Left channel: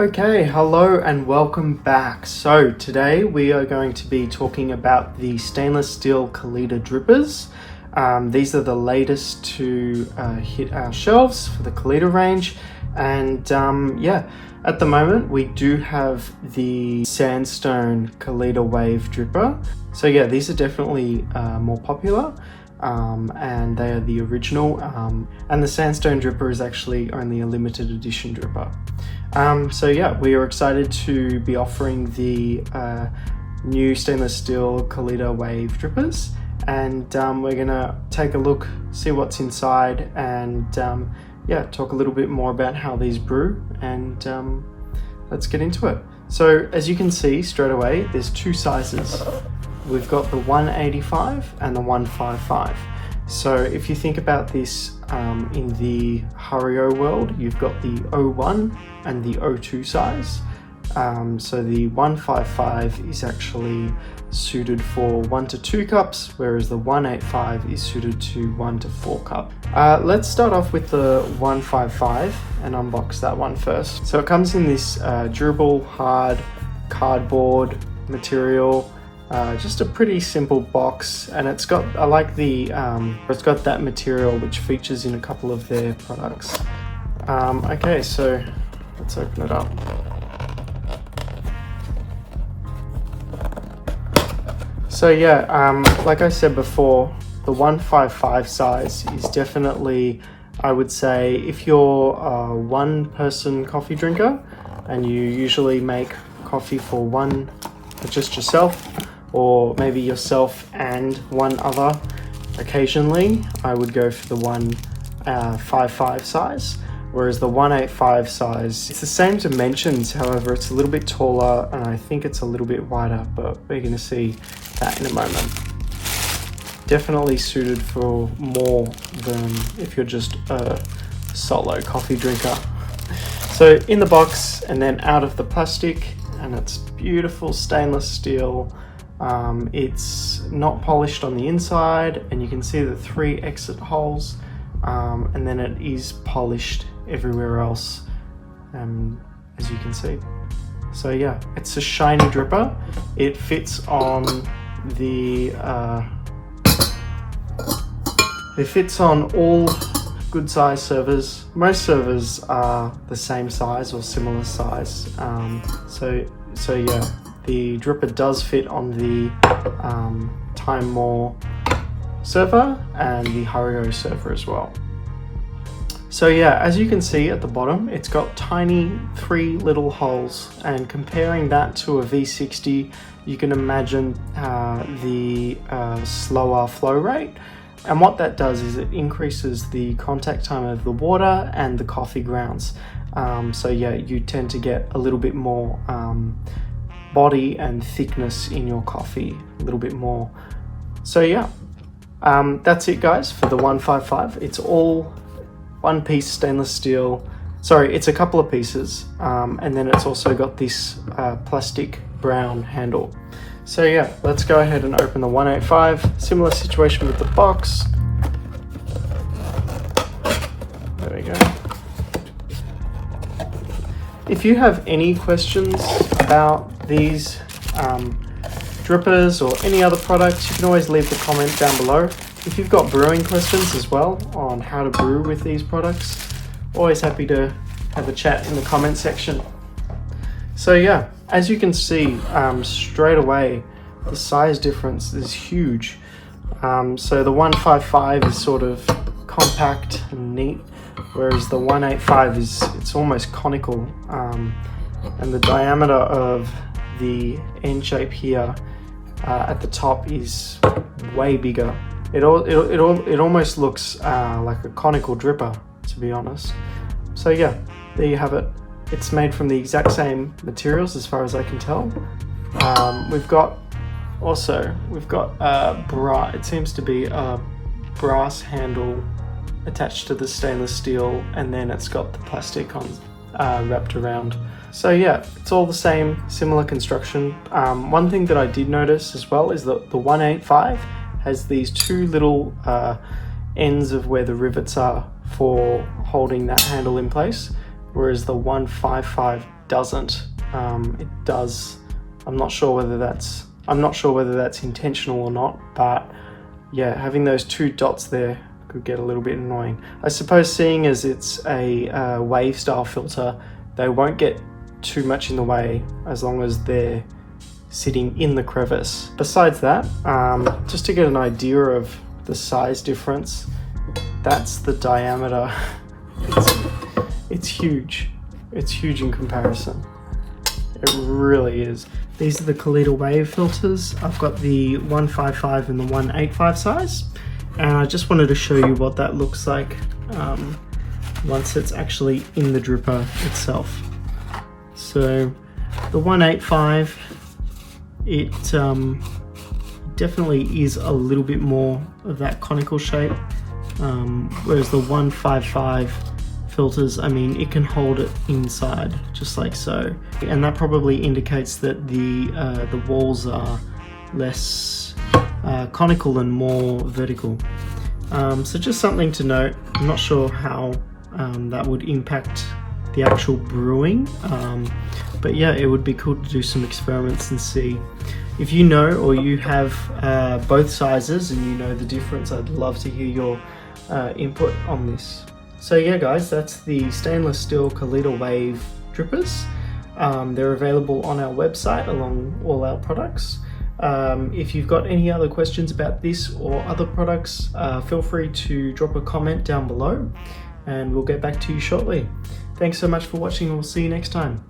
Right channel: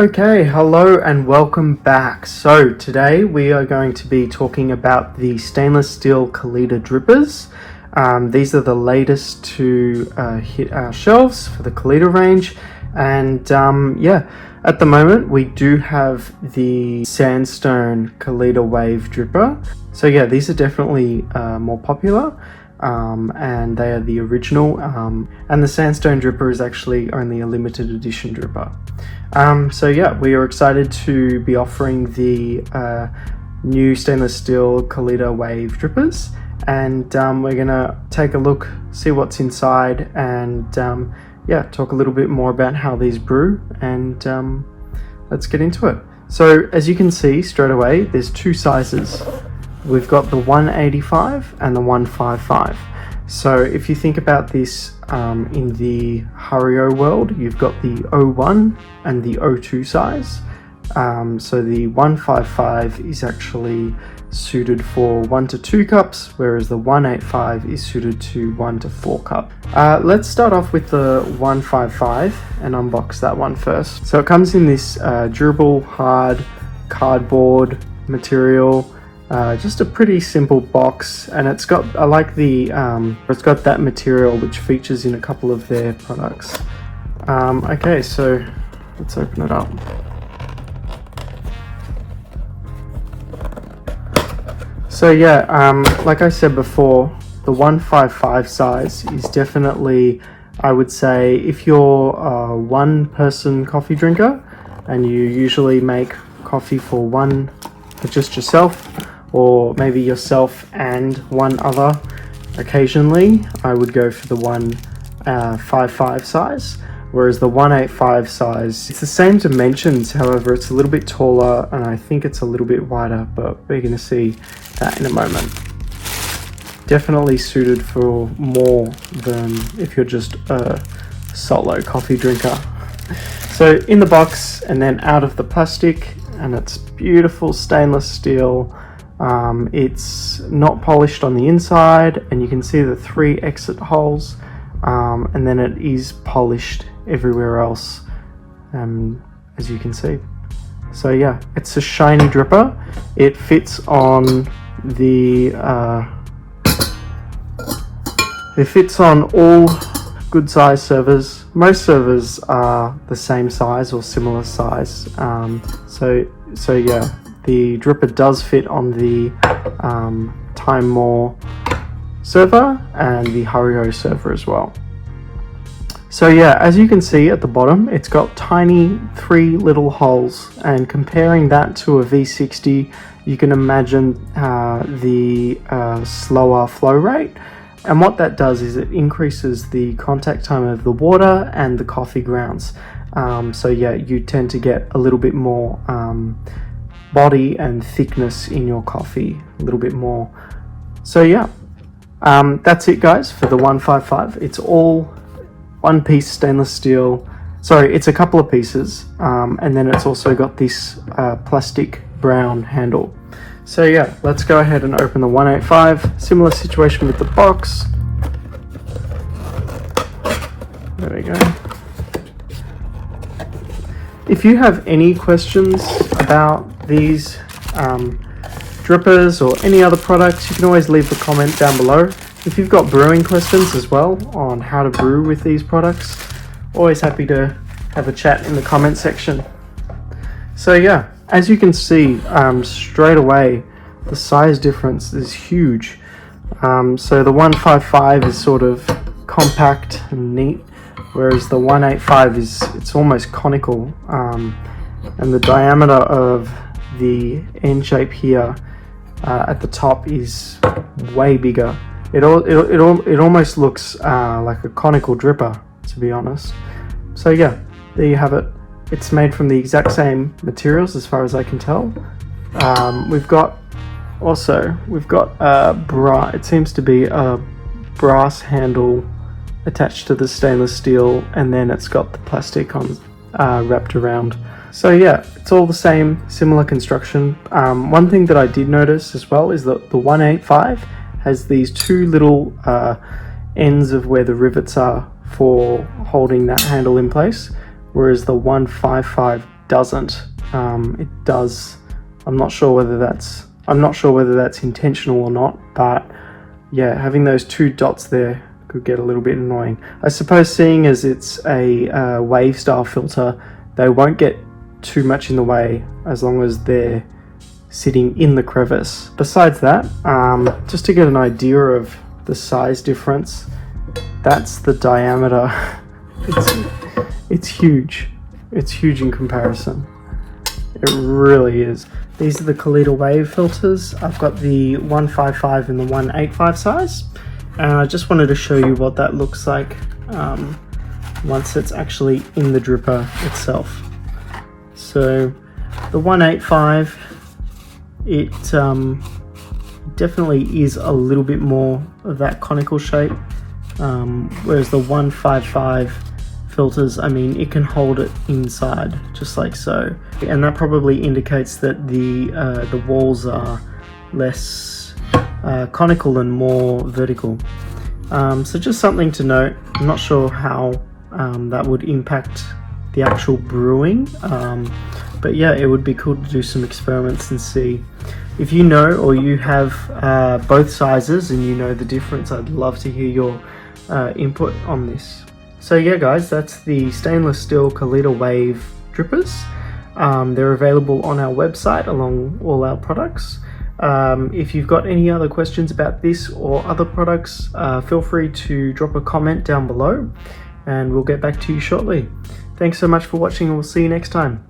Okay, hello and welcome back. So today we are going to be talking about the stainless steel Kalita drippers. These are the latest to hit our shelves for the Kalita range, and at the moment we do have the sandstone Kalita wave dripper. So yeah, these are definitely more popular. And they are the original, and the sandstone dripper is actually only a limited edition dripper. So yeah, we are excited to be offering the new stainless steel Kalita wave drippers, and we're gonna take a look, see what's inside, and talk a little bit more about how these brew, and let's get into it. So as you can see straight away, there's two sizes. We've got the 185 and the 155. So if you think about this in the Hario world, you've got the 01 and the 02 size. So the 155 is actually suited for 1 to 2 cups, whereas the 185 is suited to 1 to 4 cups. Let's start off with the 155 and unbox that one first. So it comes in this durable, hard cardboard material. Just a pretty simple box, and it's got, I like the, it's got that material which features in a couple of their products. Okay, so let's open it up. So yeah, like I said before, the 155 size is definitely, I would say, if you're a one-person coffee drinker and you usually make coffee for just yourself, or maybe yourself and one other occasionally, I would go for the 155 size, whereas the 185 size, it's the same dimensions, however it's a little bit taller, and I think it's a little bit wider, but we're going to see that in a moment. Definitely suited for more than if you're just a solo coffee drinker. So in the box, and then out of the plastic, and it's beautiful stainless steel. It's not polished on the inside, and you can see the 3 exit holes, and then it is polished everywhere else, as you can see. So yeah, it's a shiny dripper. It fits on the all good size servers. Most servers are the same size or similar size, so yeah, the dripper does fit on the Time More server and the Hario server as well. So yeah, as you can see at the bottom, it's got tiny 3 little holes, and comparing that to a V60, you can imagine the slower flow rate. And what that does is it increases the contact time of the water and the coffee grounds. So yeah, you tend to get a little bit more body and thickness in your coffee, a little bit more. So yeah, that's it guys for the 155. It's all one piece stainless steel. Sorry, it's a couple of pieces, and then it's also got this plastic brown handle. So yeah, let's go ahead and open the 185. Similar situation with the box. There we go. If you have any questions about these drippers or any other products, you can always leave the comment down below. If you've got brewing questions as well on how to brew with these products, always happy to have a chat in the comment section. So yeah, as you can see straight away, the size difference is huge. So the 155 is sort of compact and neat, whereas the 185 it's almost conical, and the diameter of the end shape here at the top is way bigger. It almost looks like a conical dripper, to be honest. So yeah, there you have it. It's made from the exact same materials as far as I can tell. We've got it seems to be a brass handle attached to the stainless steel, and then it's got the plastic on wrapped around. So yeah, it's all the same, similar construction. One thing that I did notice as well is that the 185 has these 2 little ends of where the rivets are for holding that handle in place, whereas the 155 doesn't. It does. I'm not sure whether that's intentional or not, but yeah, having those two dots there could get a little bit annoying. I suppose seeing as it's a wave style filter, they won't get too much in the way as long as they're sitting in the crevice. Besides that, just to get an idea of the size difference, that's the diameter. It's huge. It's huge in comparison. It really is. These are the Kalita wave filters. I've got the 155 and the 185 size, and I just wanted to show you what that looks like once it's actually in the dripper itself. So the 185, it definitely is a little bit more of that conical shape, whereas the 155 filters, I mean, it can hold it inside just like so, and that probably indicates that the walls are less conical and more vertical. So just something to note. I'm not sure how that would impact the actual brewing, but yeah, it would be cool to do some experiments and see. If you know, or you have both sizes and you know the difference, I'd love to hear your input on this. So yeah guys, that's the stainless steel Kalita wave drippers. They're available on our website along all our products. If you've got any other questions about this or other products, feel free to drop a comment down below and we'll get back to you shortly. Thanks so much for watching, and we'll see you next time.